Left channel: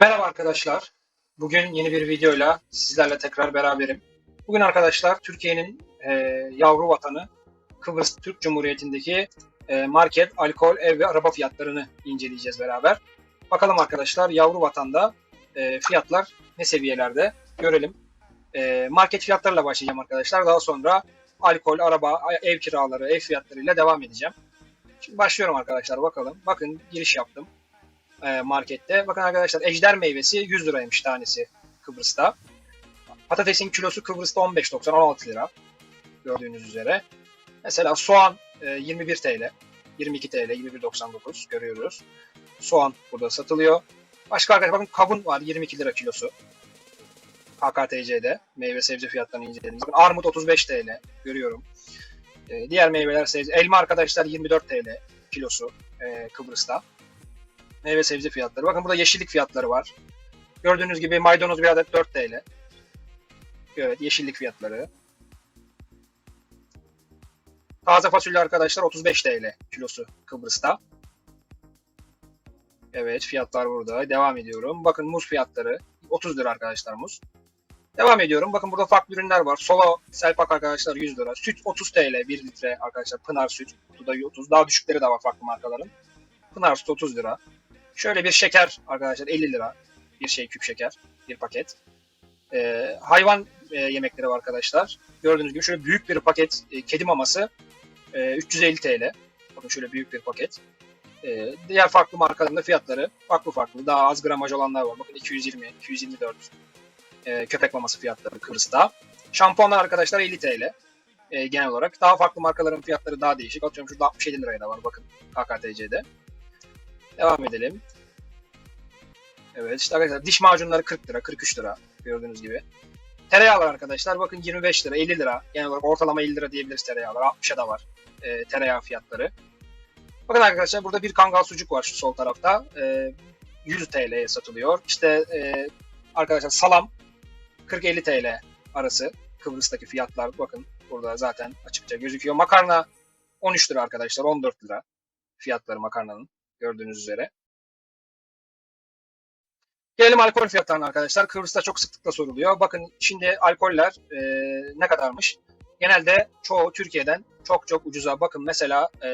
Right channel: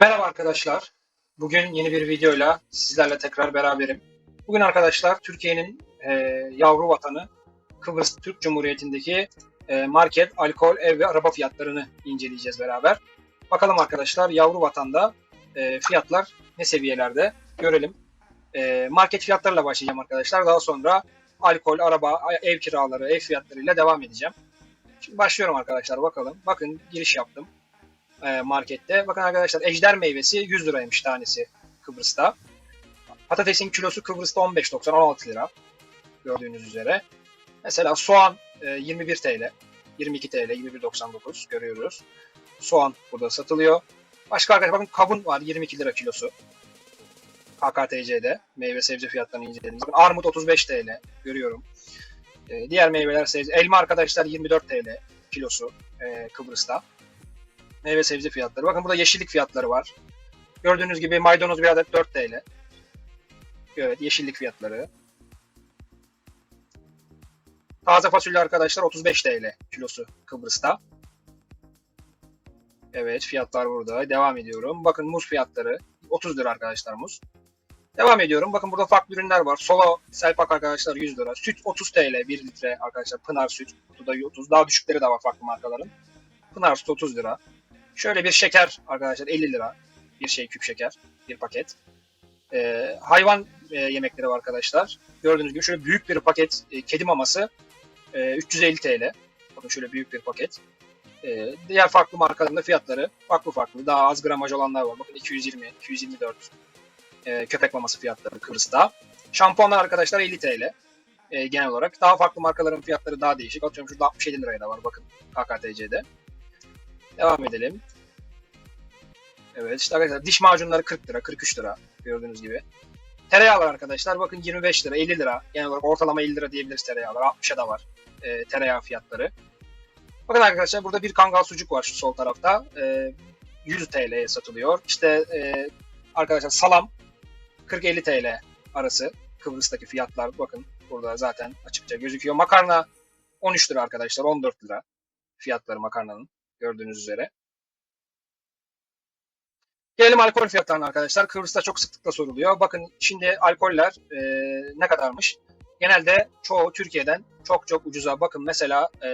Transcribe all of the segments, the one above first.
Merhaba arkadaşlar. Bugün yeni bir videoyla sizlerle tekrar beraberim. Bugün arkadaşlar Türkiye'nin e, yavru vatanı Kıbrıs Türk Cumhuriyeti'ndeki e, market, alkol, ev ve araba fiyatlarını inceleyeceğiz beraber. Bakalım arkadaşlar yavru vatanda e, fiyatlar ne seviyelerde görelim. E, market fiyatlarıyla başlayacağım arkadaşlar. Daha sonra alkol, araba, ev kiraları, ev fiyatlarıyla devam edeceğim. Şimdi başlayalım. E, markette. Bakın arkadaşlar ejder meyvesi 100 liraymış tanesi Kıbrıs'ta. Patatesin kilosu Kıbrıs'ta 15.90 16 lira gördüğünüz üzere. Mesela soğan e, 21 TL, 22 TL, 21.99 görüyoruz. Soğan burada satılıyor. Başka arkadaşlar bakın kavun var 22 lira kilosu. HKTC'de meyve sebze fiyatlarını inceledim. Bakın armut 35 TL görüyorum. E, diğer meyveler sebze. Elma arkadaşlar 24 TL kilosu e, Kıbrıs'ta meyve sebze fiyatları. Bakın burada yeşillik fiyatları var. Gördüğünüz gibi maydanoz bir adet 4 TL. Evet yeşillik fiyatları. Taze fasulye arkadaşlar 35 TL kilosu Kıbrıs'ta. Evet fiyatlar burada. Devam ediyorum. Bakın muz fiyatları 30 lira arkadaşlar muz. Devam ediyorum. Bakın burada farklı ürünler var. Solo selpak arkadaşlar 100 lira. Süt 30 TL 1 litre arkadaşlar. Pınar süt. Burada 30. Daha düşükleri de var farklı markaların. Pınar süt 30 lira. Şöyle bir şeker arkadaşlar 50 lira. Bir şey küp şeker. Bir paket. Ee, hayvan e, yemekleri var arkadaşlar. Gördüğünüz gibi şöyle büyük bir paket e, kedi maması e, 350 TL. Bakın şöyle büyük bir paket. E, diğer farklı markaların da fiyatları farklı farklı. Daha az gramaj olanlar var. Bakın 220, 224 e, köpek maması fiyatları Kıbrıs'ta. Şampuanlar arkadaşlar 50 TL. E, genel olarak. Daha farklı markaların fiyatları daha değişik. Atıyorum şurada 67 liraya da var. Bakın KKTC'de. Devam edelim. Evet işte arkadaşlar diş macunları 40 lira, 43 lira gördüğünüz gibi. Tereyağlar arkadaşlar bakın 25 lira, 50 lira. Genel olarak ortalama 50 lira diyebiliriz tereyağlar. 60'a da var e, tereyağı fiyatları. Bakın arkadaşlar burada bir kangal sucuk var şu sol tarafta. E, 100 TL'ye satılıyor. İşte e, arkadaşlar salam 40-50 TL arası. Kıbrıs'taki fiyatlar bakın burada zaten açıkça gözüküyor. Makarna 13 lira arkadaşlar 14 lira fiyatları makarnanın gördüğünüz üzere. Gelelim alkol fiyatlarına arkadaşlar. Kıbrıs'ta çok sıklıkla soruluyor. Bakın şimdi alkoller e, ne kadarmış? Genelde çoğu Türkiye'den çok çok ucuza. Bakın mesela e,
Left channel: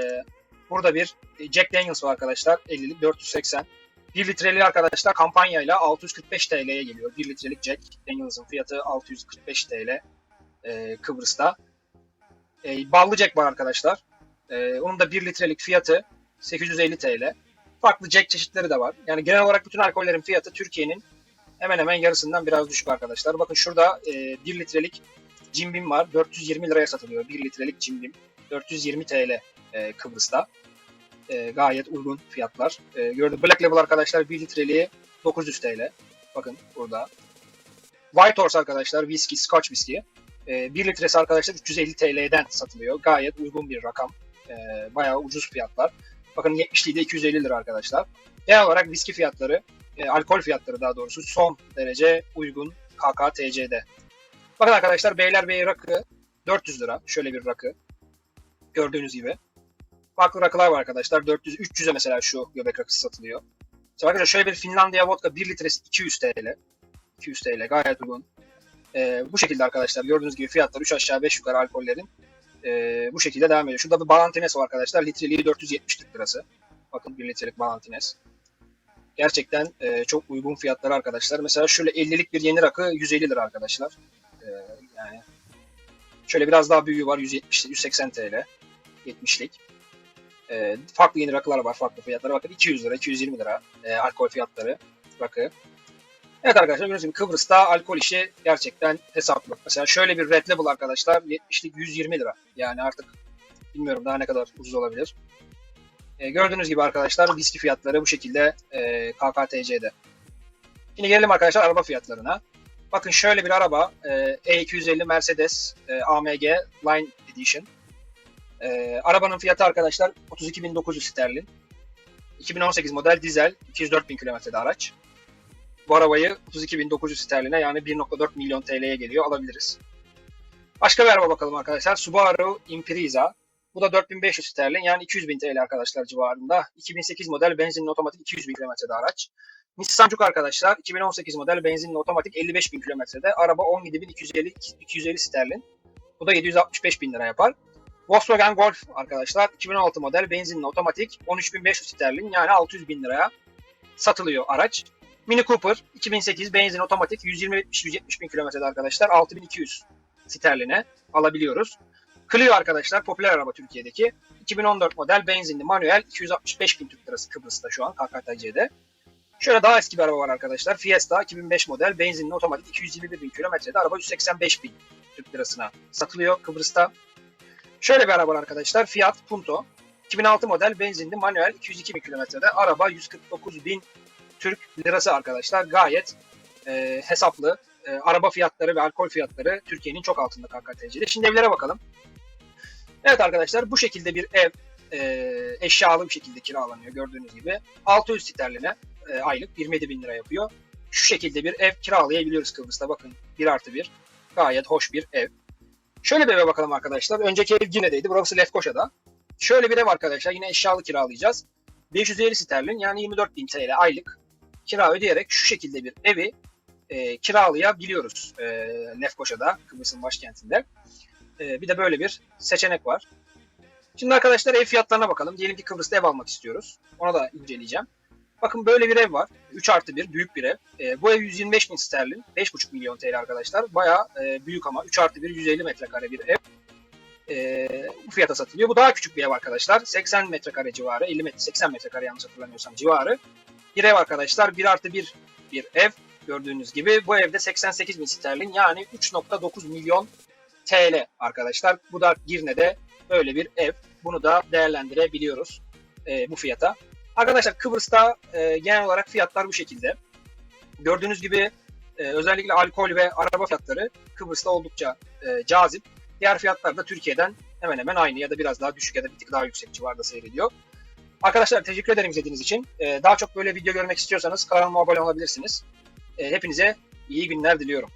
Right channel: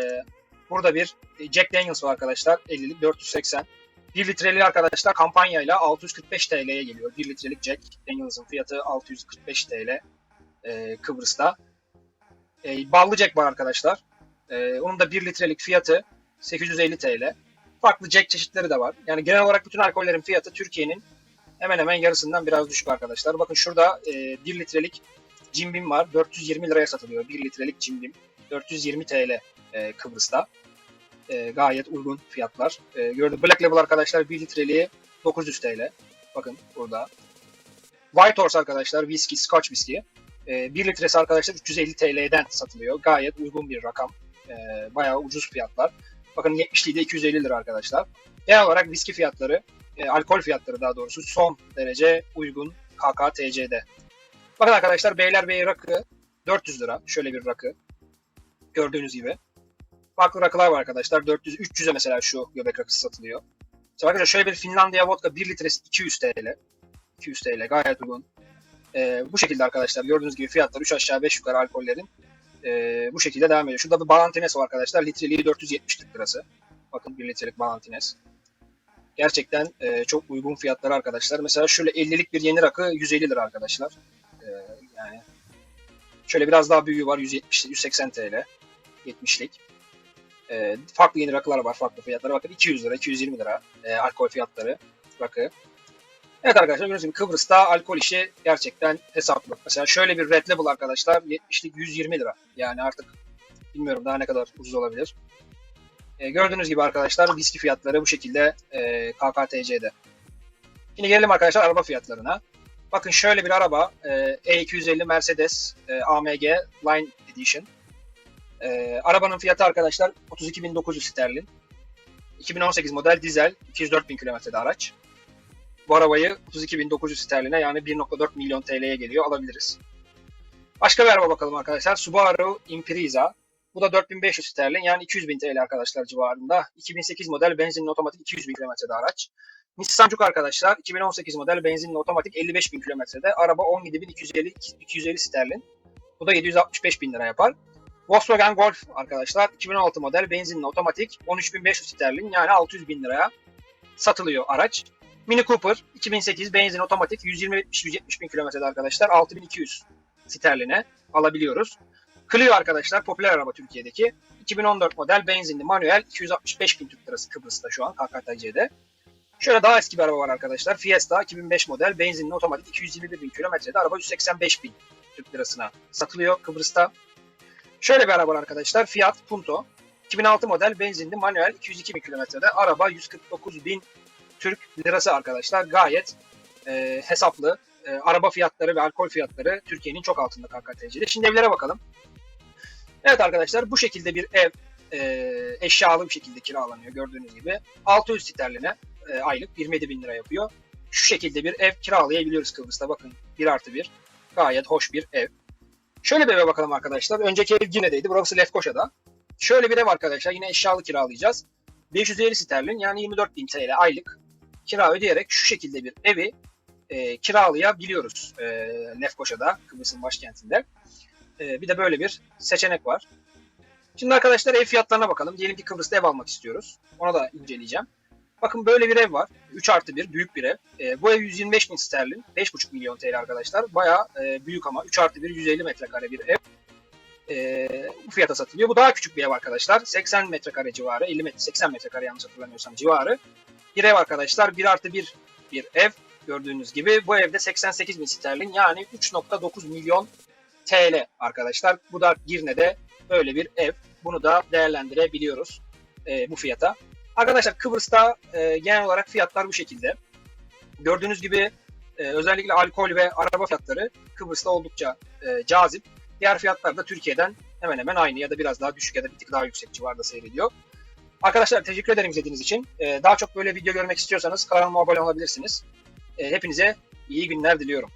burada bir Jack Daniels var arkadaşlar. 50'lik 480. 1 litreli arkadaşlar kampanyayla 645 TL'ye geliyor. 1 litrelik Jack Daniels'ın fiyatı 645 TL. E, Kıbrıs'ta. E, Bambi Jack arkadaşlar. E, onun da 1 litrelik fiyatı 850 TL farklı Jack çeşitleri de var. Yani genel olarak bütün alkollerin fiyatı Türkiye'nin hemen hemen yarısından biraz düşük arkadaşlar. Bakın şurada e, 1 litrelik Jim Beam var. 420 liraya satılıyor. 1 litrelik Jim Beam. 420 TL e, Kıbrıs'ta. E, gayet uygun fiyatlar. E, gördüm. Black Label arkadaşlar 1 litreliği 900 TL. Bakın burada. White Horse arkadaşlar whisky, Scotch whisky. E, 1 litresi arkadaşlar 350 TL'den satılıyor. Gayet uygun bir rakam. E, bayağı ucuz fiyatlar. Bakın 70'liği de 250 lira arkadaşlar. Genel olarak viski fiyatları, e, alkol fiyatları daha doğrusu son derece uygun KKTC'de. Bakın arkadaşlar Beylerbeyi rakı 400 lira. Şöyle bir rakı. Gördüğünüz gibi. Farklı rakılar var arkadaşlar. 400 300'e mesela şu göbek rakısı satılıyor. Mesela arkadaşlar şöyle bir Finlandiya vodka 1 litresi 200 TL. 200 TL gayet uygun. E, bu şekilde arkadaşlar gördüğünüz gibi fiyatlar 3 aşağı 5 yukarı alkollerin e, bu şekilde devam ediyor. Şurada bir Ballantines var arkadaşlar. Litreliği 470 lirası. Bakın 1 litrelik Ballantines. Gerçekten e, çok uygun fiyatları arkadaşlar. Mesela şöyle 50'lik bir yeni rakı 150 lira arkadaşlar. E, yani şöyle biraz daha büyüğü var 170 180 TL. 70'lik. E, farklı yeni rakılar var farklı fiyatları. Bakın 200 lira, 220 lira e, alkol fiyatları rakı. Evet arkadaşlar gördüğünüz gibi Kıbrıs'ta alkol işi gerçekten hesaplı. Mesela şöyle bir Red Label arkadaşlar 70'lik 120 lira. Yani artık bilmiyorum daha ne kadar ucuz olabilir. E, gördüğünüz gibi arkadaşlar viski fiyatları bu şekilde e, KKTC'de. Şimdi gelelim arkadaşlar araba fiyatlarına. Bakın şöyle bir araba e, E250 Mercedes e, AMG Line Edition. E, arabanın fiyatı arkadaşlar 32.900 sterlin. 2018 model dizel 204.000 kilometrede araç bu arabayı 32.900 sterline yani 1.4 milyon TL'ye geliyor. Başka bir araba bakalım arkadaşlar. Subaru Impreza. Bu da 4500 sterlin yani 200 bin TL arkadaşlar civarında. 2008 model benzinli otomatik 200 bin kilometrede araç. Nissan Juke arkadaşlar 2018 model benzinli otomatik 55 bin kilometrede. Araba 17.250 250 sterlin. Bu da 765 bin lira yapar. Volkswagen Golf arkadaşlar 2016 model benzinli otomatik 13.500 sterlin yani 600 bin liraya satılıyor araç. Mini Cooper 2008 benzin otomatik 120-170 bin kilometrede arkadaşlar 6200 sterline alabiliyoruz. Clio arkadaşlar popüler araba Türkiye'deki 2014 model benzinli manuel 265 bin Türk lirası Kıbrıs'ta şu an KKTC'de. Şöyle daha eski bir araba var arkadaşlar. Fiesta 2005 model benzinli otomatik 221 bin kilometrede araba 185 bin Türk lirasına satılıyor Kıbrıs'ta. Şöyle bir araba arkadaşlar. Fiat Punto 2006 model benzinli manuel 202 bin kilometrede araba 149 bin Türk lirası arkadaşlar. Gayet e, hesaplı. E, araba fiyatları ve alkol fiyatları Türkiye'nin çok altında KKTC'de. Şimdi evlere bakalım. Evet arkadaşlar bu şekilde bir ev e, eşyalı bir şekilde kiralanıyor gördüğünüz gibi. 600 sterline e, aylık 27 bin lira yapıyor. Şu şekilde bir ev kiralayabiliyoruz Kıbrıs'ta bakın. 1 artı 1. Gayet hoş bir ev. Şöyle bir eve bakalım arkadaşlar. Önceki ev Gine'deydi. Burası Lefkoşa'da. Şöyle bir ev arkadaşlar. Yine eşyalı kiralayacağız. 550 sterlin yani 24 bin TL aylık kira ödeyerek şu şekilde bir evi e, kiralayabiliyoruz e, Lefkoşa'da, Kıbrıs'ın başkentinde. E, bir de böyle bir seçenek var. Şimdi arkadaşlar ev fiyatlarına bakalım. Diyelim ki Kıbrıs'ta ev almak istiyoruz. Ona da inceleyeceğim. Bakın böyle bir ev var. 3 artı 1 büyük bir ev. E, bu ev 125 bin sterlin. 5,5 milyon TL arkadaşlar. Baya e, büyük ama 3 artı 1 150 metrekare bir ev. E, bu fiyata satılıyor. Bu daha küçük bir ev arkadaşlar. 80 metrekare civarı. 50 metre, 80 metrekare yanlış hatırlamıyorsam civarı. Bir ev arkadaşlar. 1 artı 1 bir ev. Gördüğünüz gibi bu evde 88 bin sterlin yani 3.9 milyon TL arkadaşlar. Bu da Girne'de böyle bir ev. Bunu da değerlendirebiliyoruz e, bu fiyata. Arkadaşlar Kıbrıs'ta e, genel olarak fiyatlar bu şekilde. Gördüğünüz gibi e, özellikle alkol ve araba fiyatları Kıbrıs'ta oldukça e, cazip. Diğer fiyatlar da Türkiye'den hemen hemen aynı ya da biraz daha düşük ya da bir tık daha yüksek civarda seyrediyor. Arkadaşlar teşekkür ederim izlediğiniz için. E, daha çok böyle video görmek istiyorsanız kanalıma abone olabilirsiniz. E, hepinize iyi günler diliyorum.